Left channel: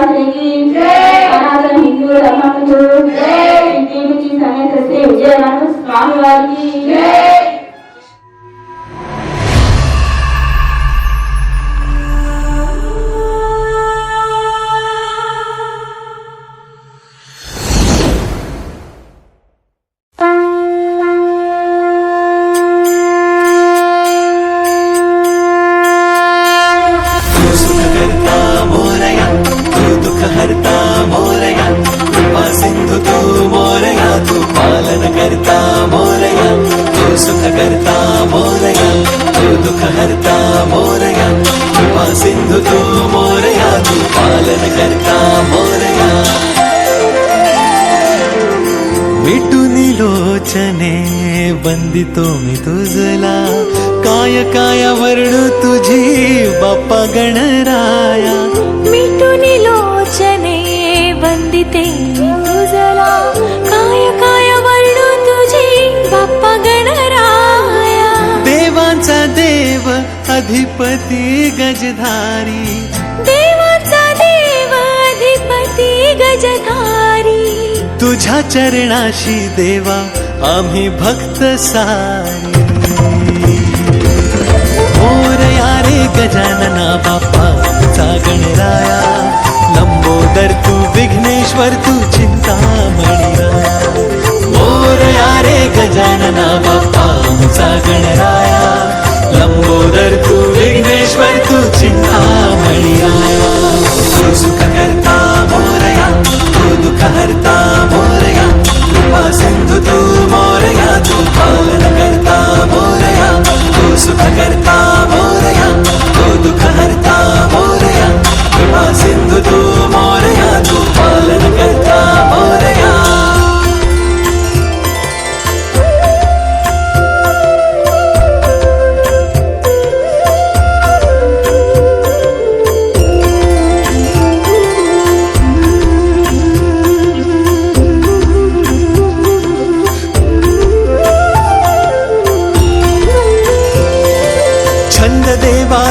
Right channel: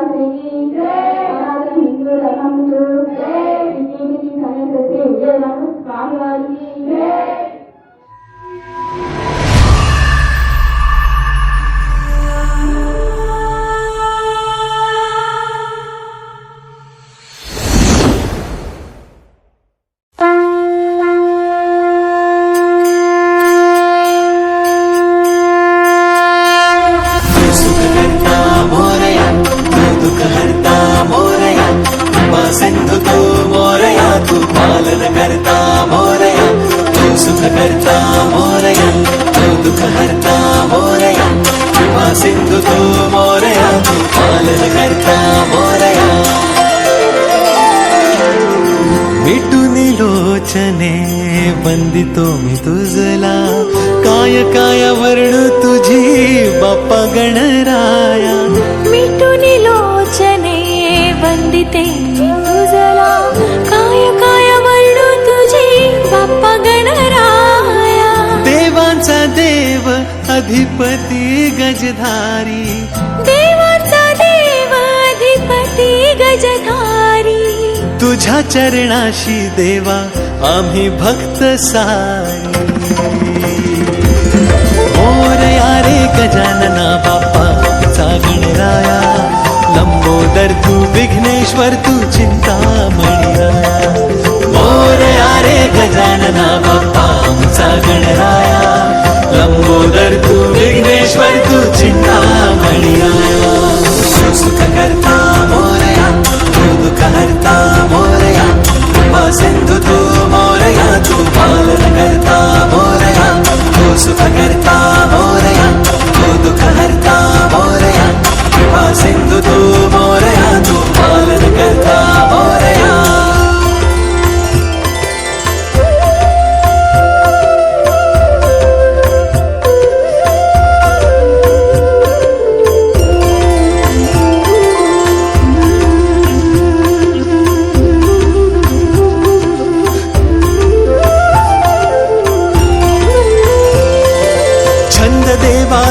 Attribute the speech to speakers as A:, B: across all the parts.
A: Jai
B: Hind. वंदिते तुझला काय काय वर्णू तुझी बाप्पा गणराया. देवांचा देव अधिपती गजधारी.
C: देवाचा देव अधिपती गजधारी.
B: तुझ्या चरणाशी देवा आम्ही भक्त सारी. मोरया रे गजानना बाप्पा आमचा गणराया. लंबोदर तू विघ्नेश्वर तू चिंतामणी राया. मोरया रे गजानना बाप्पा आमचा गणराया. लंबोदर तू विघ्नेश्वर तू चिंतामणी राया. सुख करता मोरया तू दुःख हरता मोरया कृपा सिंधू तू मोरया तू पालन करता मोरया तू सुख करता मोरया तू दुःख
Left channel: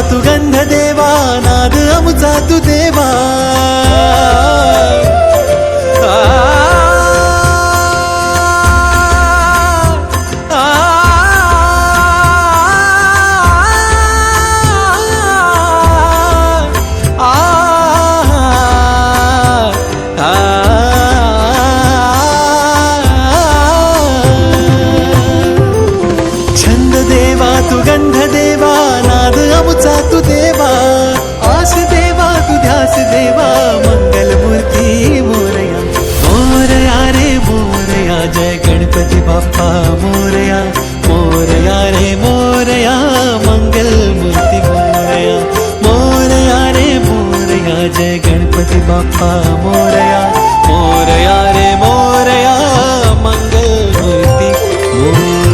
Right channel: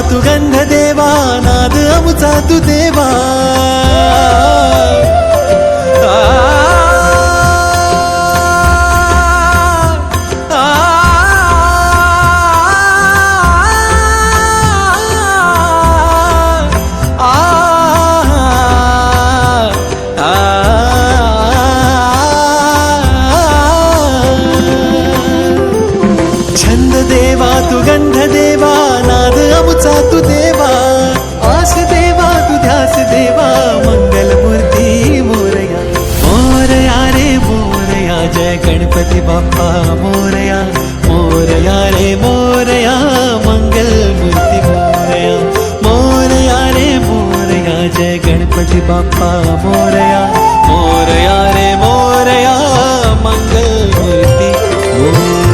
B: तू गंध देवा नाद अमुचा तू देवा अमुचा तू देवा आस देवा तू ध्यास देवा मंगल मूर्ती मोरया. मोरया रे मोरया जय गणपती बाप्पा मोरया मोरया रे मोरया मंगल मूर्ती मोरया. मोरया रे मोरया जय गणपती बाप्पा मोरया मोरया रे मोरया मंगल मूर्ती मोरया.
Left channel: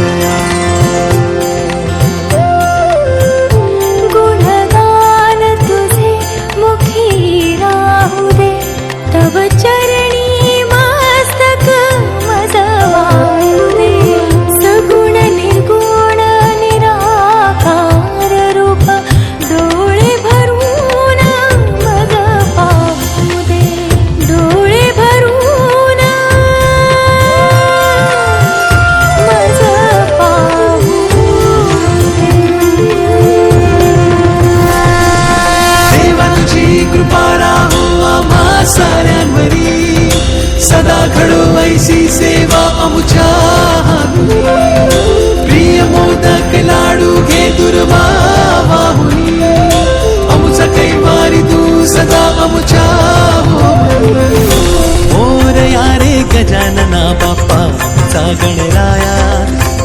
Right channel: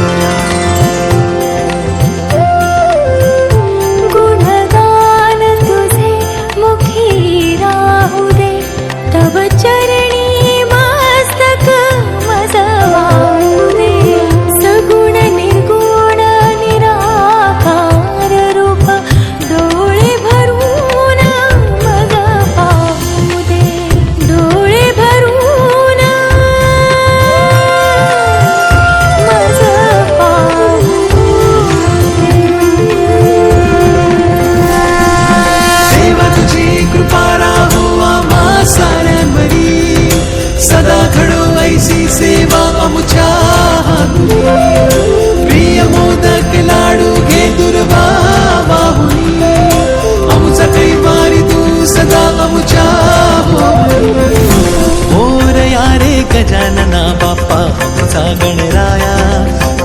B: गजानना बाप्पा आमचा गणराया.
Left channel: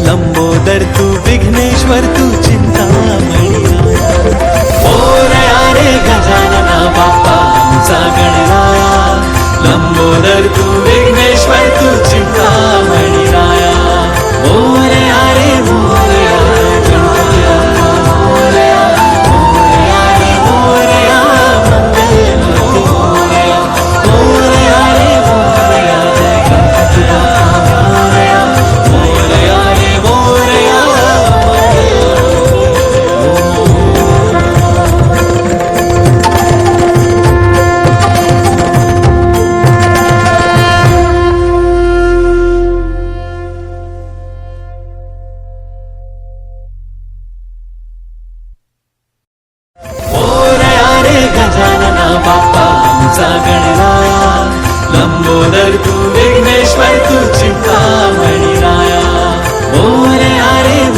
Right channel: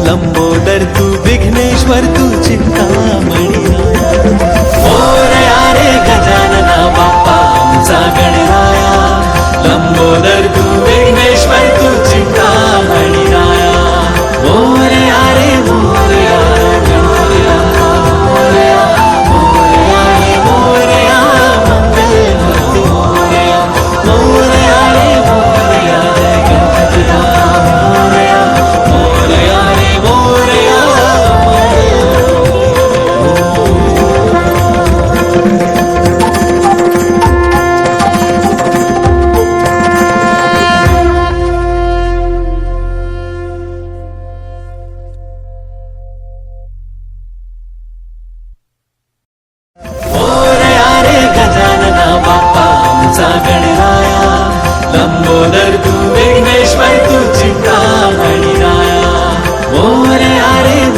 B: लंबोदर तू विघ्नेश्वर तू चिंता मणिया मोरया हो रे गजानना बाप्पा आमचा गणराया. लंबोदर तू विघ्नेश्वर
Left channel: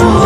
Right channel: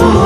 B: Lord.